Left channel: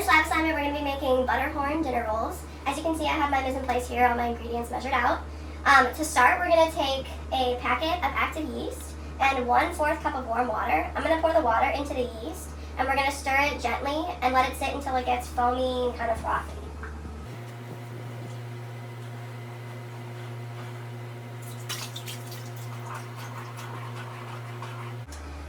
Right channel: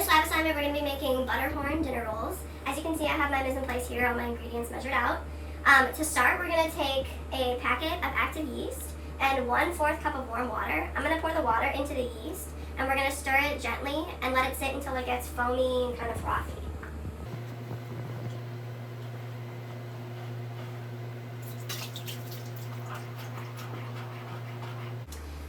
this lab assignment, we're going to be making Butterhorn dinner rolls. As you can see, I have my mise en place here, all my ingredients measured out. To start, we're going to take a packet of active yeast and 1/4 cup of warm water. I'm going to pour the water into the yeast, and we're going to stir it gently and let it sit until it gets foamy and kind of frothy.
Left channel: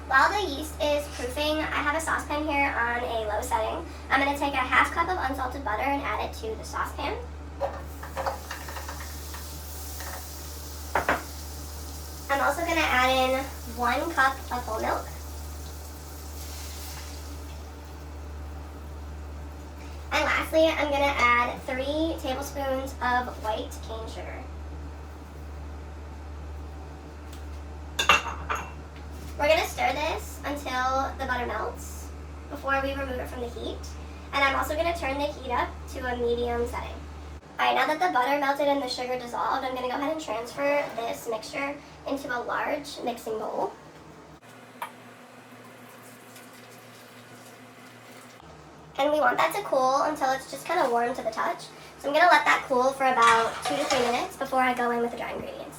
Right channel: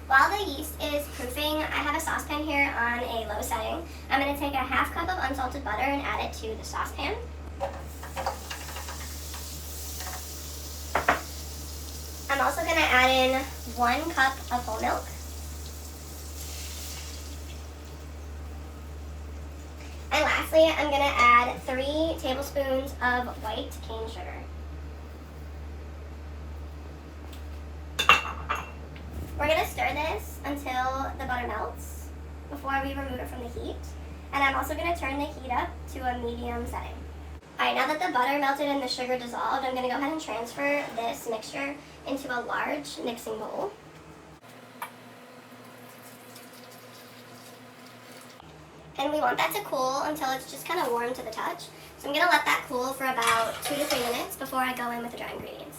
While the yeast is proofing, I have a saucepan here on a low setting. I'm going to take a 1/2 cup of unsalted butter and add it to the saucepan. I'm also going to add in 1 cup of whole milk. And lastly, I'm going to add 3 tablespoons of white cane sugar. We're going to stir this until the butter melts before we remove it from the heat. And I'm also going to turn the heat up to a medium setting. Alright, now that the butter melted and the sugar dissolved, I'm going to go ahead and transfer this mixture into a large mixing bowl. And we want that to cool until it's just kind of warm to the touch. So I'm going to let that cool for about 2 to 3 minutes before I go in with the dry ingredients.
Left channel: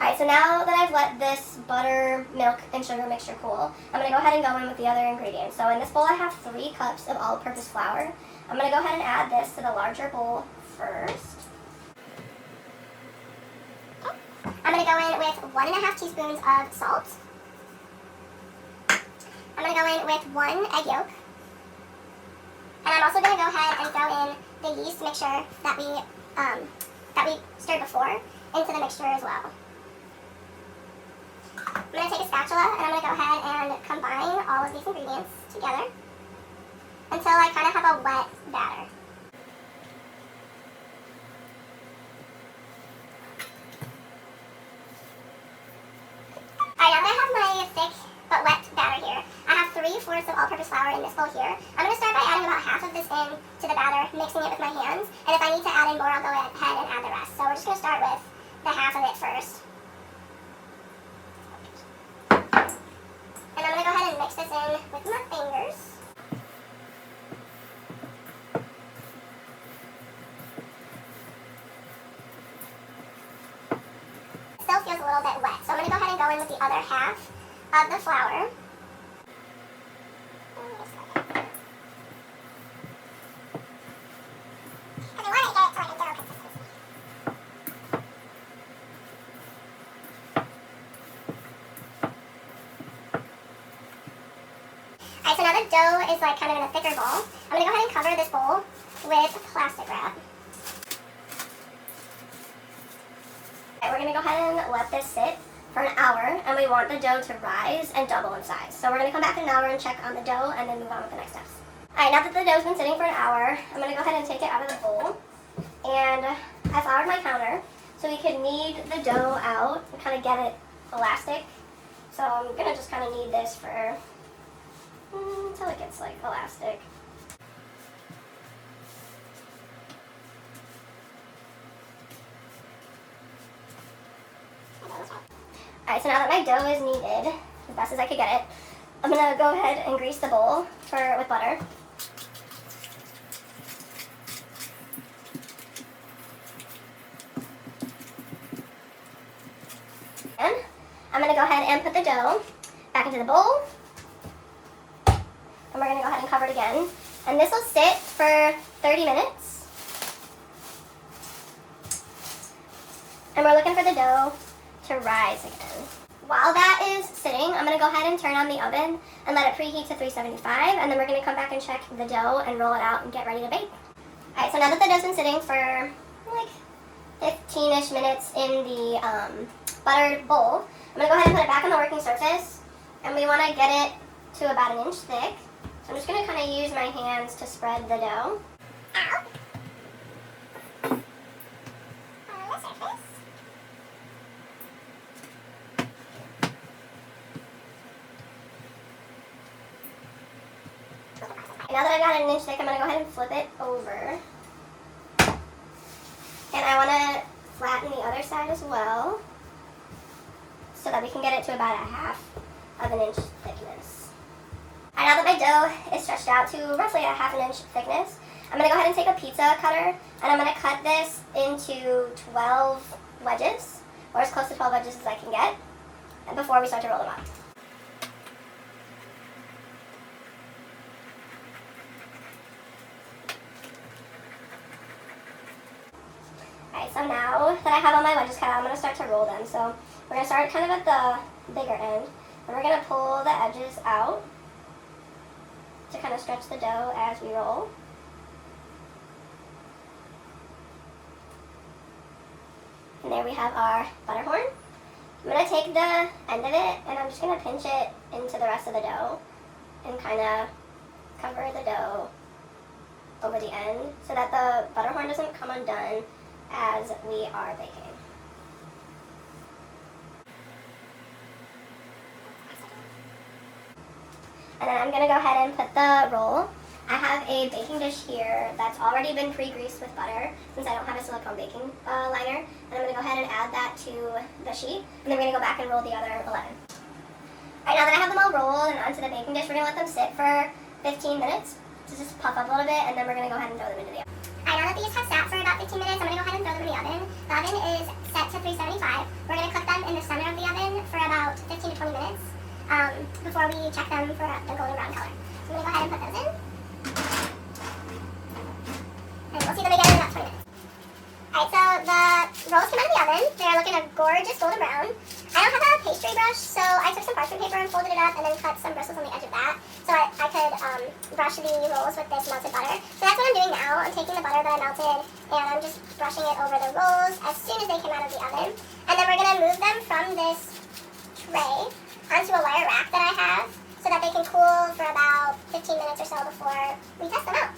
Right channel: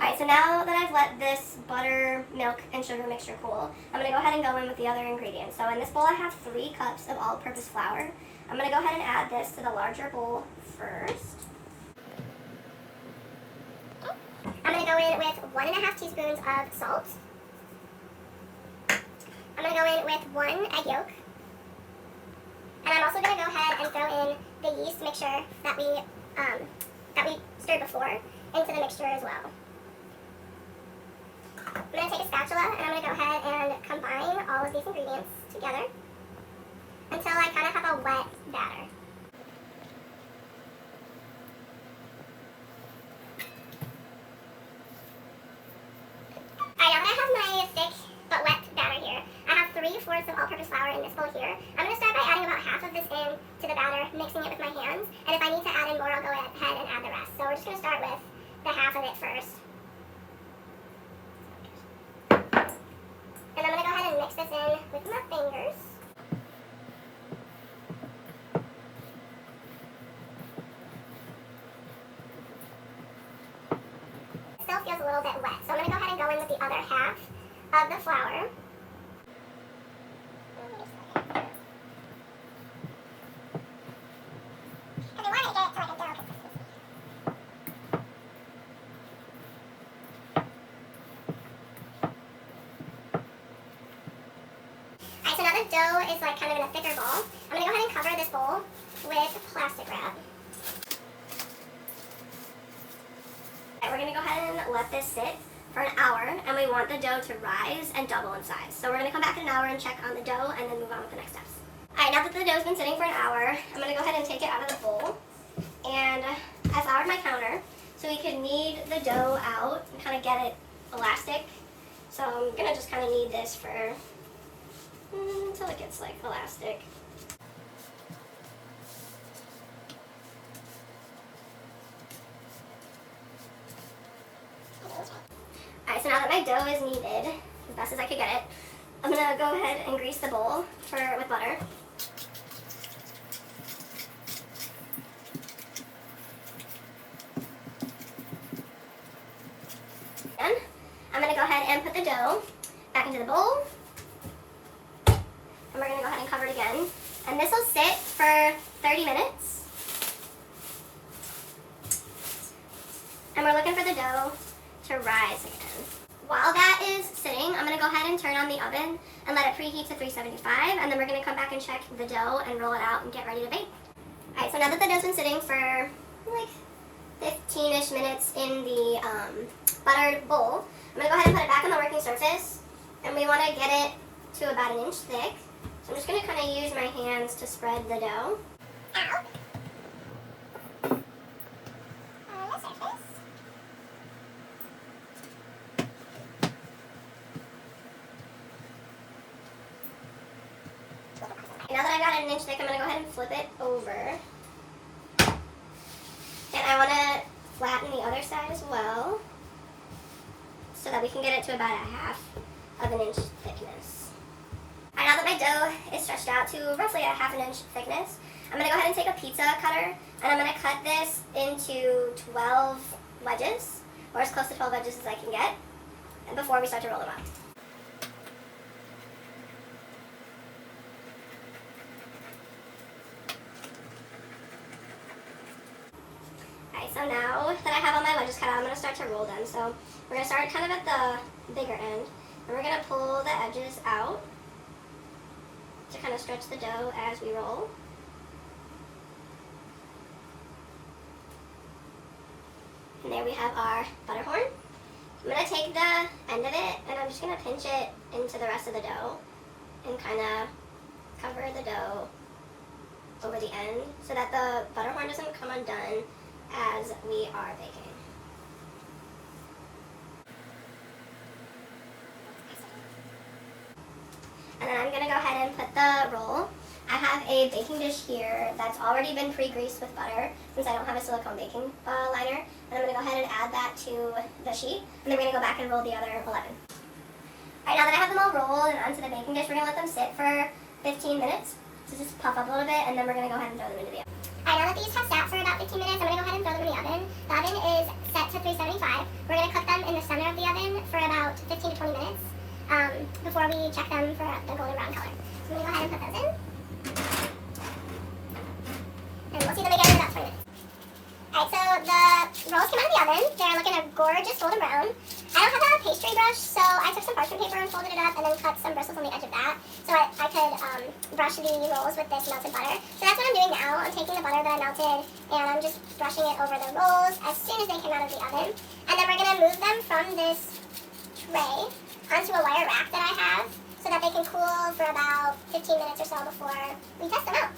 Alright, so now that I've let this butter, milk, and sugar mixture cool, I'm going to go ahead and go in with the other ingredients. So in this bowl I have 3 cups of all-purpose flour. I'm going to go ahead and add this to the larger bowl first. I'm going to go in with 1½ teaspoons of salt. I'm going to go in with 1 egg yolk. And I'm also going to go ahead and throw in the yeast mixture that we stirred before into the mixture as well. I'm going to take a spatula and I'm going to go ahead and combine all of these ingredients together until I kind of have a wet batter. Alright, now that I have my thick but wet batter here, I have 3/4 of all-purpose flour in this bowl here. I'm going to start by adding about half of this in to the batter, mixing it with my hands, and if I need to add in more, I'll go ahead and add the rest. So we're just going to start with the half of it first. And I'm going to go ahead and mix this in with my fingers. It still feels a little bit wet, so I'm going to go ahead and go in with the other half of the flour. Alright, so now the dough is like kind of in a thicker ball. I'm going to go ahead and cover this bowl with plastic wrap. We're going to go ahead and let this sit for an hour, and we want the dough to rise and double in size. So we're going to come back in an hour and check on the dough and then move on with the next steps. Alright, now that the dough's been sitting for an hour, I'm going to go ahead and take it out of the bowl. And I floured my counter so we could knead the dough out and kind of get it elastic. So I'm going to just kind of knead this for until it gets like elastic. Alright, so now that my dough is kneaded, as best as I could get it, I'm going to go ahead and grease the bowl with butter. And I'm going to go ahead and put the dough back into the bowl. And we're going to go ahead and cover it again. And this will sit for 30 minutes. And we're looking for the dough to rise again. While that is sitting, I'm going to go ahead and turn on the oven and let it preheat to 375. And then we're going to come back and check the dough and roll it out and get ready to bake. Alright, so now that the dough's been sitting for like 15-ish minutes in the buttered bowl, I'm going to go ahead and put it back on the working surface. And we want to get it to about 1 inch thick. So I'm just going to kind of use my hands to spread the dough. Out. On the surface. Now that I got it 1 inch thick, I'm going to go ahead and flip it over. And I want to flatten the other side as well, so that we can get it to about 1/2 of an inch thickness. Alright, now that my dough is stretched out to roughly a ½ inch thickness, I'm going to go ahead and take a pizza cutter, and I'm going to cut this into 12 wedges, or as close to 12 wedges as I can get, before we start to roll them up. Alright, so now that I have all my wedges cut out, I'm going to start to roll them. So we're going to start kind of at the bigger end, and we're going to pull the edges out to kind of stretch the dough as we roll. And there we have our butterhorn. I'm going to take the end of it, and I'm just going to pinch it into the rest of the dough and kind of cover the dough over the end so that the butterhorn doesn't come undone as we are baking. And then I'm going to go ahead and put the roll. I have a baking dish here that's already been pre-greased with butter since I don't have a silicone baking liner. And I'm going to go ahead and add that to the sheet. And then we're going to go back and roll the other 11. Alright, now that I have them all rolled and onto the baking dish, we're going to let them sit for 15 minutes to just puff up a little bit, and then we're going to go ahead and throw them into the oven. Alright, now that these have sat for about 15 minutes, I'm going to go ahead and throw them in the oven. The oven is set to 375. We're going to cook them in the center of the oven for about 15 to 20 minutes before we check them for the golden brown color. So I'm going to go ahead and put those in. And we'll see them again in about 20 minutes. Alright, so the rolls came out of the oven. They're looking a gorgeous golden brown. I don't have a pastry brush, so I took some parchment paper and folded it up and then cut some bristles on the edge of that so I could brush the rolls with this melted butter. So that's what I'm doing now. I'm taking the butter that I melted and I'm just brushing it over the rolls as soon as they came out of the oven. And then we're going to move them from this tray onto a wire rack that I have so that they can cool for about 15 minutes or so before we test them out.